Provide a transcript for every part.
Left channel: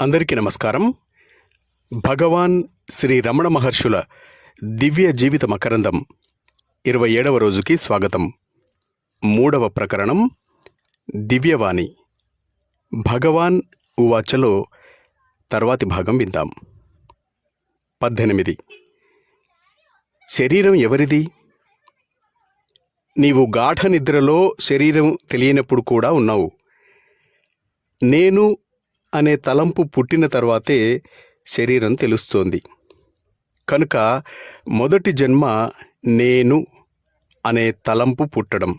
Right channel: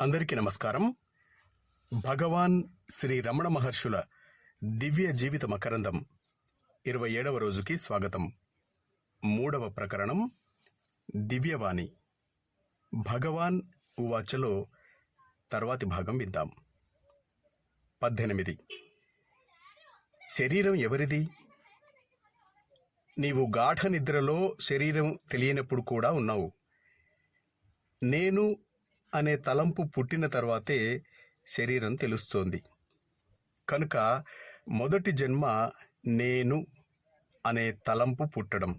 అందరికీ నమస్కారం. భగవాన్ శ్రీ రమణ మహర్షుల దివ్య జీవిత మకరందం ఇరవై ఏడవ రోజుకి స్వాగతం. మూడవ ప్రకరణం దివ్యవాణి. భగవాన్ ఉవాచలో తర్వాతి భాగం విందాం. పద్దెనిమిది. శరీరం ఎవరిది? నీవు గాఢ నిద్రలో శరీరం తెలియనప్పుడు కూడా ఉన్నావు. నేను అనే తలంపు పుట్టిన తర్వాతే శరీరం తెలుస్తోంది. కనుక మొదటి జన్మ నేను అనే తలంపు పుట్టడం.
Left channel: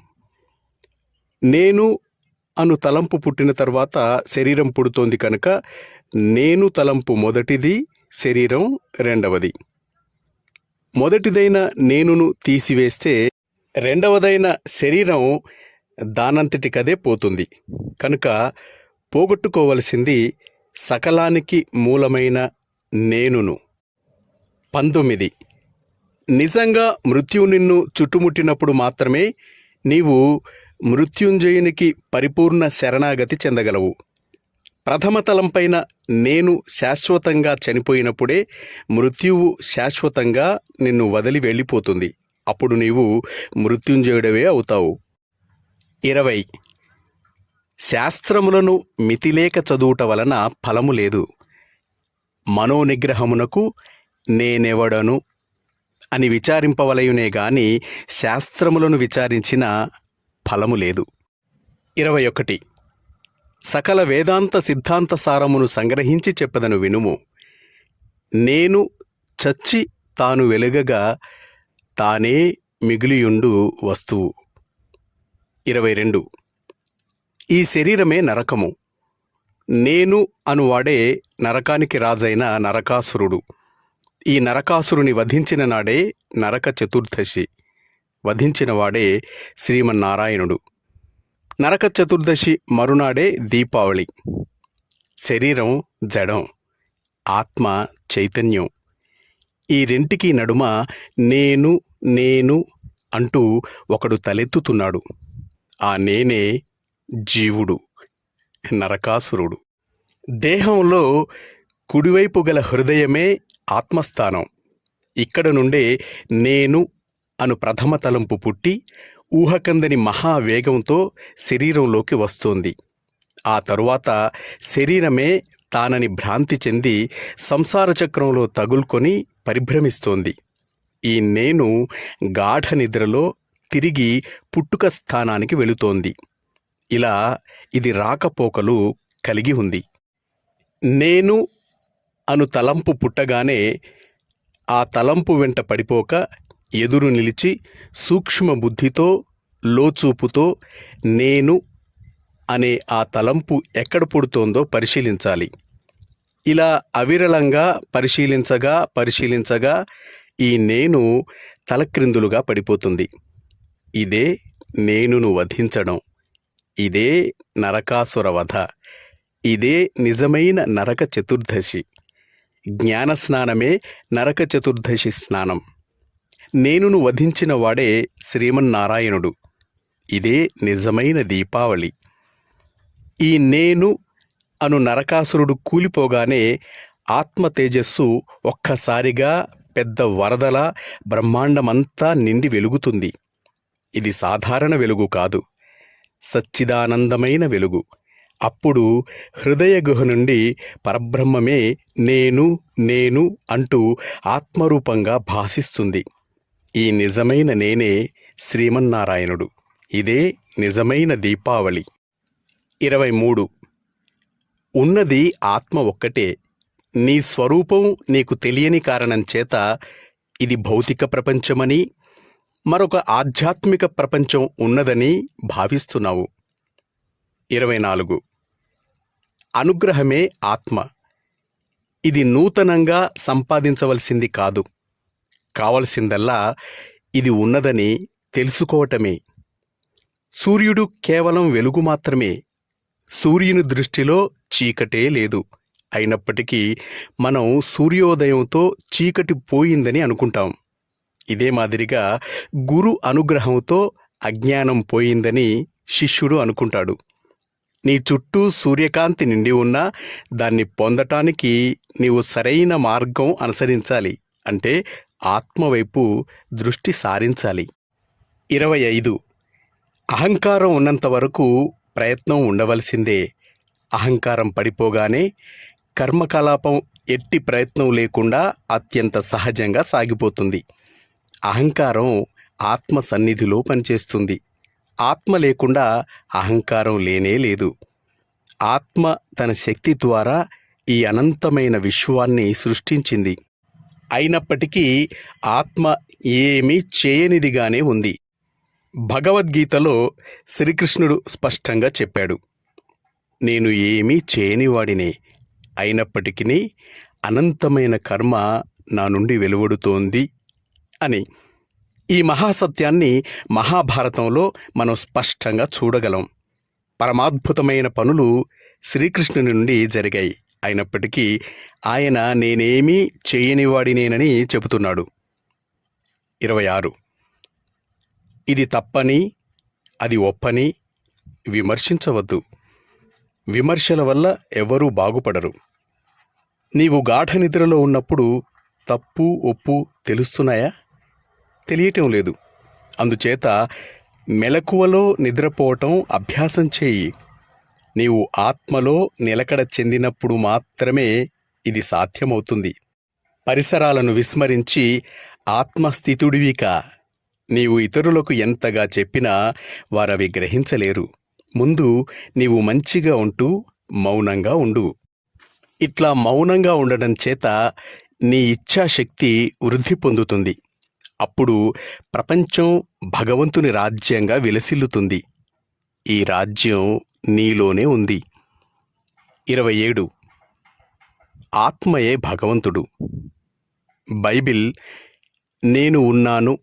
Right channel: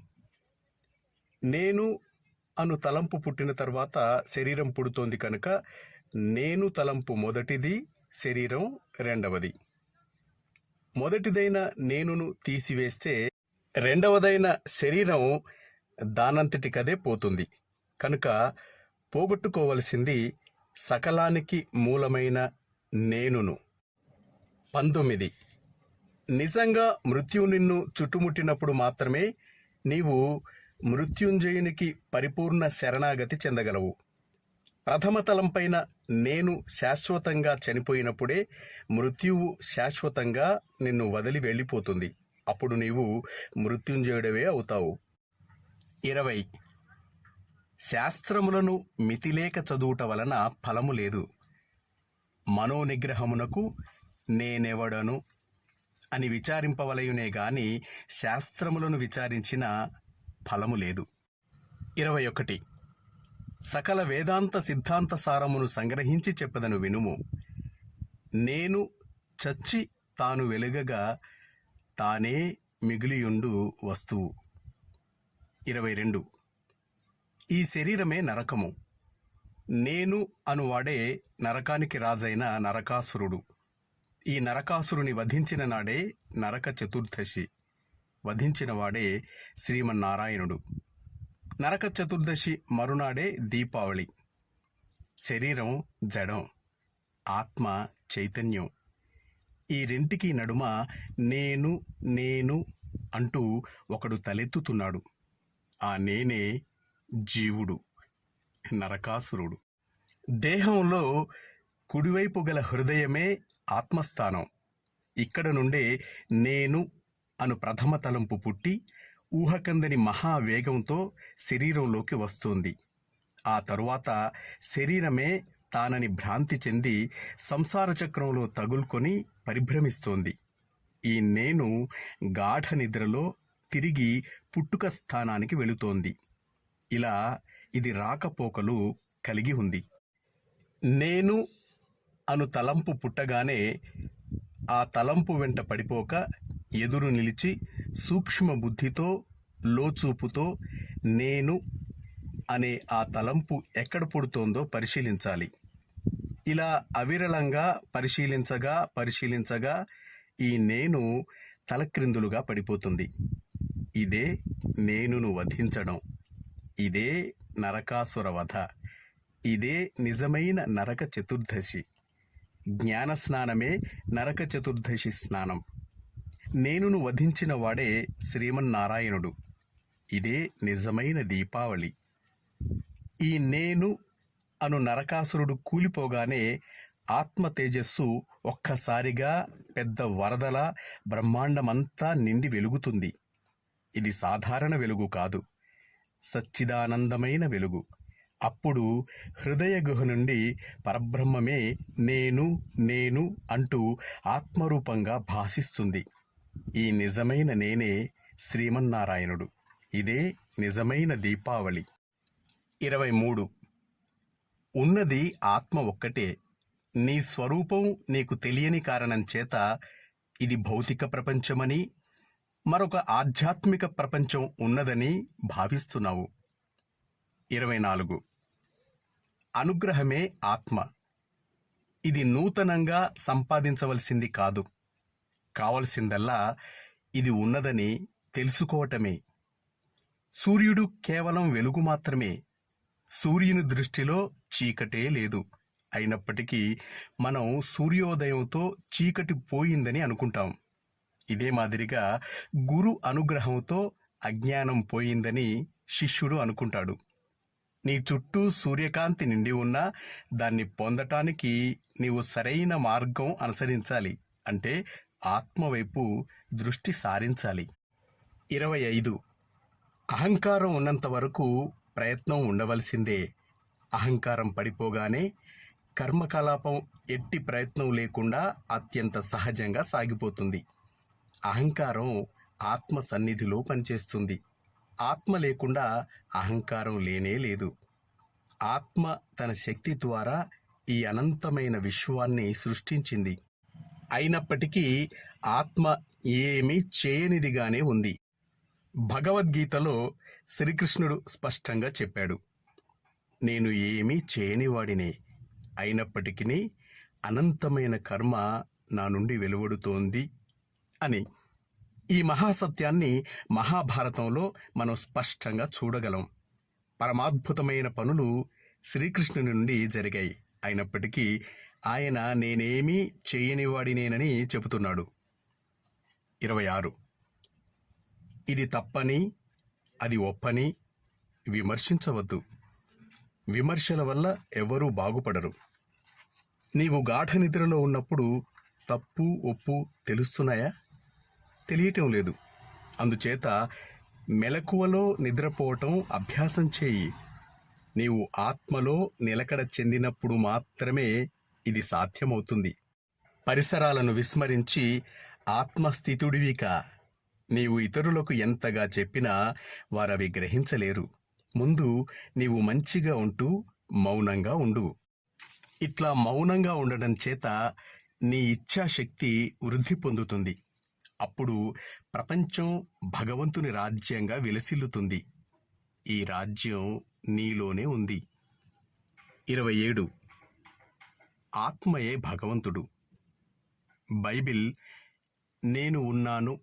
నేను అను తలంపు పుట్టిన తర్వాత శరీరం పుడుతోంది కనుక నేను తలంపు మొదటిది శరీరం రెండవది. మొదటిదైన నేనును తీసివేస్తే రెండవదైన శరీరం దానంతటికదే పోతుంది. కనుక పోగొట్టుకోవలసింది సకలానికి మూలమైన నేనును. పంతొమ్మిది. నిజంగా మృత్యు నిన్ను చుట్టుముట్టినప్పుడు మాత్రమే నీవు మృత్యుంజయునికి పరిపూర్ణ శరణాగతి చెందగలవు. ప్రథమ తలంపైన నేను శాశ్వతంగా చనిపోయినప్పుడే మృత్యువు శాశ్వతంగా నిన్ను వదిలి వెళ్ళిపోతుంది. అప్పుడు నీవు మృత్యుంజయుడవే అవుతావు. ఇరవై. శాస్త్రములను మితిలేక చదువుట వలన ఫలము లేదు. మనోనిగ్రహమునకు నేనెవడను అని విచారింపవలయునే గాని శాస్త్రములను విచారించిన ఫలము లేదు. ఇరవై ఒకటి. సకల వేదాంత సిద్ధాంత సారమును సంగ్రహించి చెప్పదను వినుము. నేను చచ్చి తాను వెలుగగా తానే మిగిలియుండు వస్తువు. ఇరవై రెండు. ఈ శరీరమే నరకము. నేను అనువాడే నరకానికి రాజైన నరకాసురుడు. ఈ నరకాసురుని వధించిన నాడే నరక చతుర్దశి. వధించినవాడే శ్రీమన్నారాయణుడు. నరక చతుర్దశి మరునాడే దీపావళి. శరీరం జడం. ఆత్మ చైతన్యం. ఈ రెంటికి నడుమ నేను నేను అంటూ ఒకడు తలెత్తుతున్నాడు. ఆ నేనే జీవుడు నరకాసురుడు. దేహంలో కుడివైపు గల హృదయమే ఆత్మస్థానం. ఇక్కడ నుండే నేను అను ప్రథమ తలంపు పుట్టి ఊహకందని మహావేగంతో శరీరంలోకి వస్తోంది. ఆ తరువాత శరీరమే తానని భ్రాంతి చెంది సంసార చక్రంలో తగులుకొని పరిభ్రమిస్తోంది. ఈ నేను గాఢ నిద్రలో తిరిగి పుట్టుక స్థానానికి వెళుతోంది. ఇలా ఇది రాకపోకలు కలిగి ఉంది. నేను అను తలంపు పుట్టగానే ఆ తలంపు వెంట పడిపోక ఎదురు నిలిచి సూక్ష్మ బుద్ధితో లోచూపుతో నేను అనే ఆ తలంపు ఎక్కడ పుడుతోందో పరిశీలించాలి. ఇలా అవిరళంగా పరిశీలించగా పరిశీలించగా ఈ నేను తలక్రిందులుగా పడిపోతుంది. ఇదే నేనును వధించడం. ఇదే నరకాసురవధ. ఇదే నిజమైన నరక చతుర్దశి. జ్ఞాన స్నానమే నరక చతుర్దశి స్నానం. నేనును వధించిన వాడే శ్రీమన్నారాయణుడు. ఇదే నిజమైన దీపావళి. ఈ నేను అను నరకాసురుడు కూలిపోగానే ఆత్మ తేజస్సు ఒక్కసారిగా పెద్ద వరదల బ్రహ్మాండమంతా నిండి వెలుగుతుంది. ఇది సాధారణ వెలుగు కాదు. సచ్చిదానందమైన వెలుగు. అప్పుడు హృదయ గుహ నుండి పరబ్రహ్మమే నేను నేను అంటూ ఆత్మరూపంగా భాసిస్తుంది. ఈ నిజమైన నేనే శ్రీమన్నారాయణుడు. ఇదే నిజమైన దీపావళి. ఇరవై మూడు. ఉన్నది ఆత్మ ఒక్కటే. నీ స్వరూపం నీకు తెలియని కారణం చేత ఇది భౌతిక ప్రపంచమని మరొక ఆధ్యాత్మిక ప్రపంచం ఉన్నదని భావిస్తున్నావు. ఇరవై నాలుగు. అనుగ్రహమే ఆత్మ. ఇది నూతనంగా సంపాదించవలసింది కాదు. కావలసిందల్లా ఇది ఉన్నదని తెలుసుకోవటమే. సూర్యుడు కేవలం వెలుగు మాత్రమే. సూర్యుని దృష్టిలో చీకటే లేదు. అయినప్పటికీ మనం సూర్యోదయంతో చీకటి పోయిందని అనుకుంటాం. ఇదే మాదిరిగా గురు అనుగ్రహంతో అజ్ఞానం పోయిందని శిష్యుడు అనుకుంటాడు. నీ చుట్టూ సూర్యకాంతి నిండి ఉన్నా దాన్ని పొందటానికి నీవు సరైన మార్గం అనుసరించాలి. అంటే ఆత్మవైపు దృష్టి సారించాలి. ఇరవై ఐదు. అహంకారం ఉన్నంత వరకు ప్రయత్నం ఉండవలసిందే. అహంకారం పడిపోగానే కర్మకలాపం ఎట్టి ప్రయత్నం లేకుండా అత్యంత సహజంగా సాగిపోతుంది. అహంకారం ఆత్మ సన్నిధిలో పనిచేస్తుంది. ఆత్మ లేకుండా అహంకారం లేనే లేదు. ఆత్మ తన శక్తి ద్వారా ఈ అనంతమైన విశ్వాన్ని సృష్టించింది. అయినప్పటికీ ఆత్మ ఏమీ చేయనిదిగానే ఉంది. భగవద్గీతలో శ్రీకృష్ణుడు స్పష్టంగా చెప్పాడు. నేను ఏమీ చేయనివాడినే. అయినప్పటికీ అనంతమైన కర్మ నా నుండి వెలువడుతోంది. అని. ఈ మహాసత్యాన్ని మహాభారతంలో మనం స్పష్టంగా చూడగలం. పరమాద్భుతమైన పనులు శ్రీకృష్ణుని నుండి జరిగాయి. అయినప్పటికీ ఆయన నేనేమీ చేయనివాడినేనని చెబుతున్నాడు. ఇరవై ఆరు ఇది తప్పని అది ఒప్పని విమర్శించవద్దు. విమర్శల వల్ల ఎవరూ బాగుపడరు. నీవు గాఢ నిద్రలో ఉన్నప్పుడు తప్పు ఒప్పు తెలుస్తున్నాయా? తెలియటం లేదు. అందుచేత మెలకువలో నిద్రపోవటం అభ్యాసం చేయి. నీవు ఆత్మలో నిలకడ చెందినప్పుడు మాత్రమే ఇది సాధ్యమవుతుంది. పరిసరాలను విస్మరించి ఆత్మస్థితుడివిక. నీవు ఇతరులకు ఎంతగా చెప్పినా వారవి గ్రహించలేరు. ముందు నీవు మంచిగా ఉంటూ మౌనంగా ఉండు. ఇట్లా మౌనంగా ఉండడం చేత నీ ఇచ్ఛాశక్తి వృద్ధి పొందుతుంది. అప్పుడు ప్రపంచం భగవంతుని రాజ్యంగా విలసిల్లుతుంది. ఈ రాజ్యం నీలోనే ఉంది. ఇరవై ఏడు. ఆత్మయే భగవంతుడు. బైబిల్ నేను ఉన్నాను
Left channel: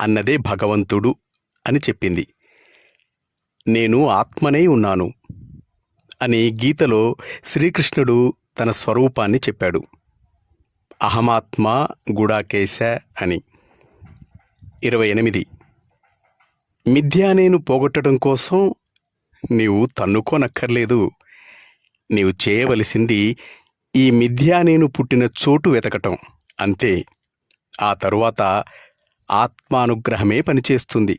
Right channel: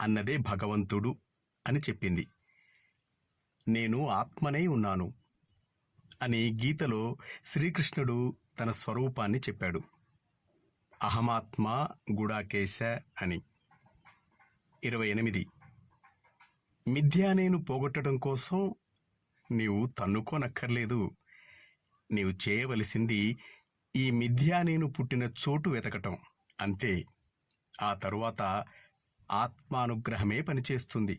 అన్నదే భగవంతుడు అని చెప్పింది. నేను ఆత్మనే ఉన్నాను అని గీతలో శ్రీకృష్ణుడు తన స్వరూపాన్ని చెప్పాడు. అహమాత్మ గుడాకేశ అని. ఇరవై ఎనిమిది. మిథ్యానేను పోగొట్టడం కోసం నీవు తన్నుకోనక్కర్లేదు. నీవు చేయవలసింది ఈ మిథ్యా నేను పుట్టిన చోటు వెతకటం. అంతే. ఆ తరువాత ఆత్మానుగ్రహమే పనిచేస్తుంది.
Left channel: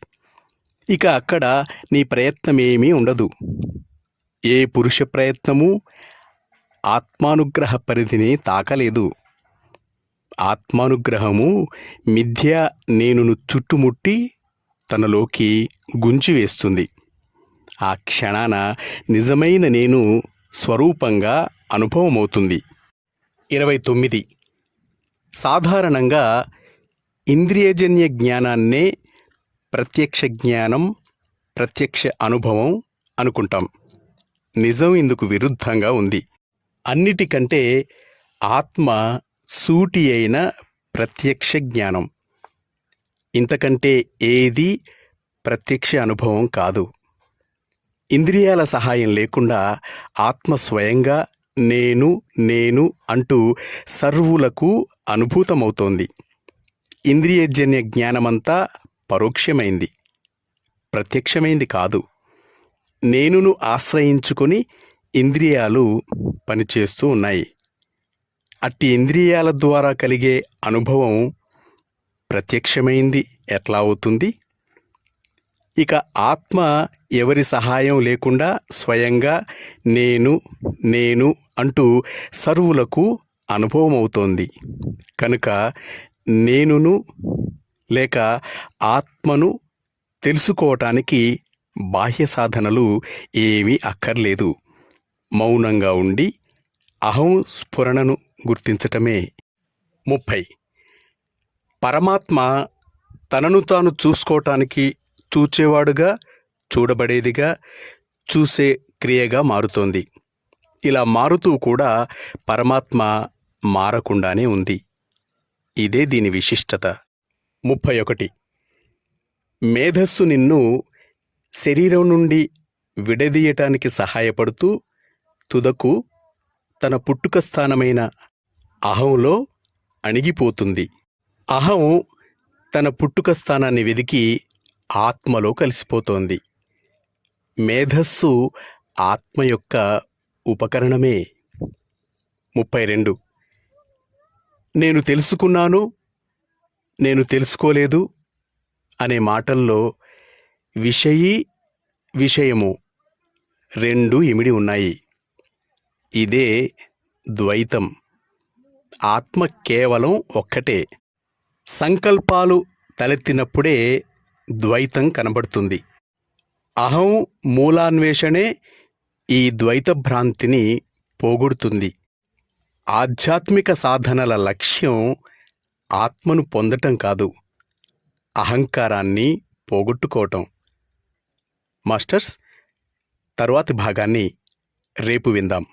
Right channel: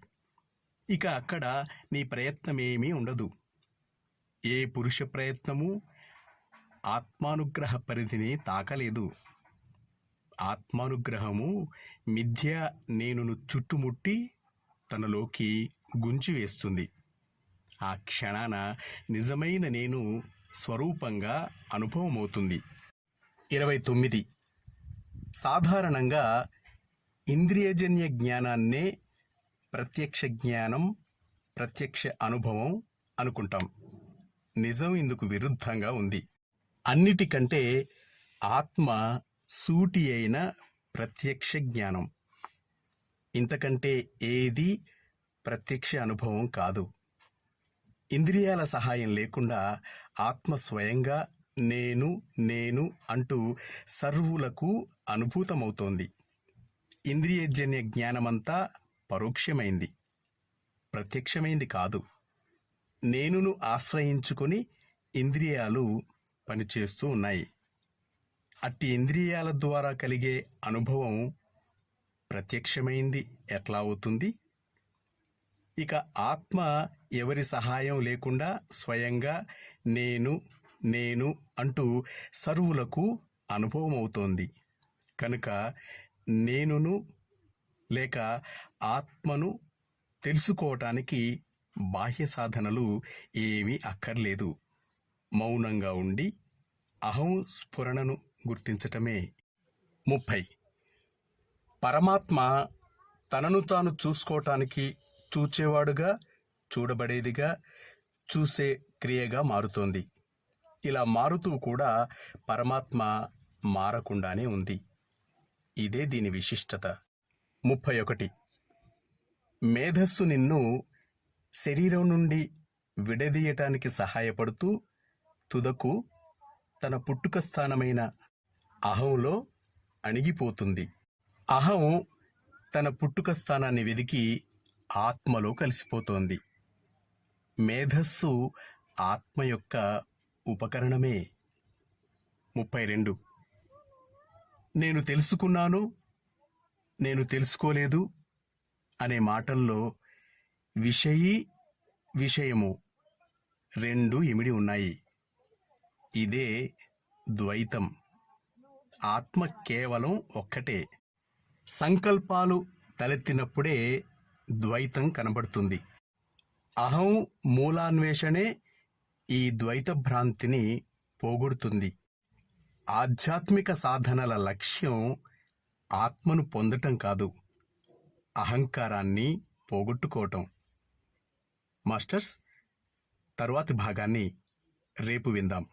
ఇక అక్కడ నీ ప్రయత్నమేమీ ఉండదు. ఏ పురుష ప్రయత్నము ఆత్మానుగ్రహ పరిధిని తాకలేదు. ఆత్మానుగ్రహము మిథ్య నేనును చుట్టుముట్టి తనలోకి గుంజివేస్తుంది ఆ క్షణాన నిజమైన నేను స్వరూపంగా అనుభవమవుతుంది. ఇరవై తొమ్మిది. సాధారణంగా ఇంద్రియజన్య జ్ఞానాన్నే ప్రత్యక్ష జ్ఞానం ప్రత్యక్ష అనుభవం అనుకుంటాం. నిజం ఇందుకు విరుద్ధంగా ఉంది. అన్నిటికంటే ఆత్మ సూటి అయిన ప్రత్యక్ష జ్ఞానం. ఇంతకంటే ఏది ప్రత్యక్ష అనుభవం కాదు. ఇంద్రియాల సహాయం లేకుండా ఆత్మ స్వయంగా నేను నేను అంటూ సర్వులకు అనుభూతమవుతోంది. ఇంద్రియజన్య జ్ఞానమంతా పరోక్షమైంది. ప్రత్యక్షమైంది కాదు. నేనును ఆశ్రయించుకొని ఇంద్రియాలు పనిచేస్తూ ఉన్నాయి. అట్టి ఇంద్రియాల ద్వారా కలిగే అనుభవం ప్రత్యక్షమైంది. ఎట్లా అవుతుంది? ఇక ఆత్మ ఎవరి సహాయం లేకుండా స్వయంగా నేను నేను అంటూ సర్వులకు అనుభవం అవుతోంది కనుక నేనును లేక ఆత్మను తెలుసుకోవటానికి బాహ్య సాధనలు ఏమీ అక్కర్లేదు. మౌనంగా ఉండి అహం స్ఫురణను గుర్తించటమే. ముప్పై. పరమాత్మ తనను తాను చూసుకోవటానికి చూచేవాడుగా చూడబడేదిగా చూసే క్రియగా మారుతోంది. ఇలా మారుతూ కూడా పరమాత్మ మారకుండానే ఉంది. ఇదే దీని విశిష్టత. ముప్పై ఒకటి. మేధస్సు నిన్ను శరీరం నుండి విడదీయటానికి సహాయపడుతూ తుదకు తన పుట్టుక స్థానమైన అహంలో అణిగిపోతుంది. అహం తన పుట్టుక స్థానాన్ని వెదికి ఆత్మలో కలిసిపోతోంది. మేధస్సు ఆత్మ యొక్క ఉపకరణమే. ముప్పై రెండు. నేను తెలుసుకున్నాను నేను తెలుసుకోలేదు అనే మాటల్లో విషయీ విషయము రెండు ఇమిడి ఉన్నాయి. ఇదే ద్వైతం. ఆత్మ కేవలం ఒక్కటే. సంకల్పాలు తలెత్తినప్పుడే ద్వైతం కనబడుతుంది. అహం మూలాన్వేషణే ఈ ద్వైత భ్రాంతిని పోగొడుతుంది. ఆధ్యాత్మిక సాధనల లక్ష్యం ఆత్మను పొందటం కాదు అహంకారాన్ని పోగొట్టుకోవటం. మాస్టర్స్ తరువాతి భాగాన్ని రేపు విందాం.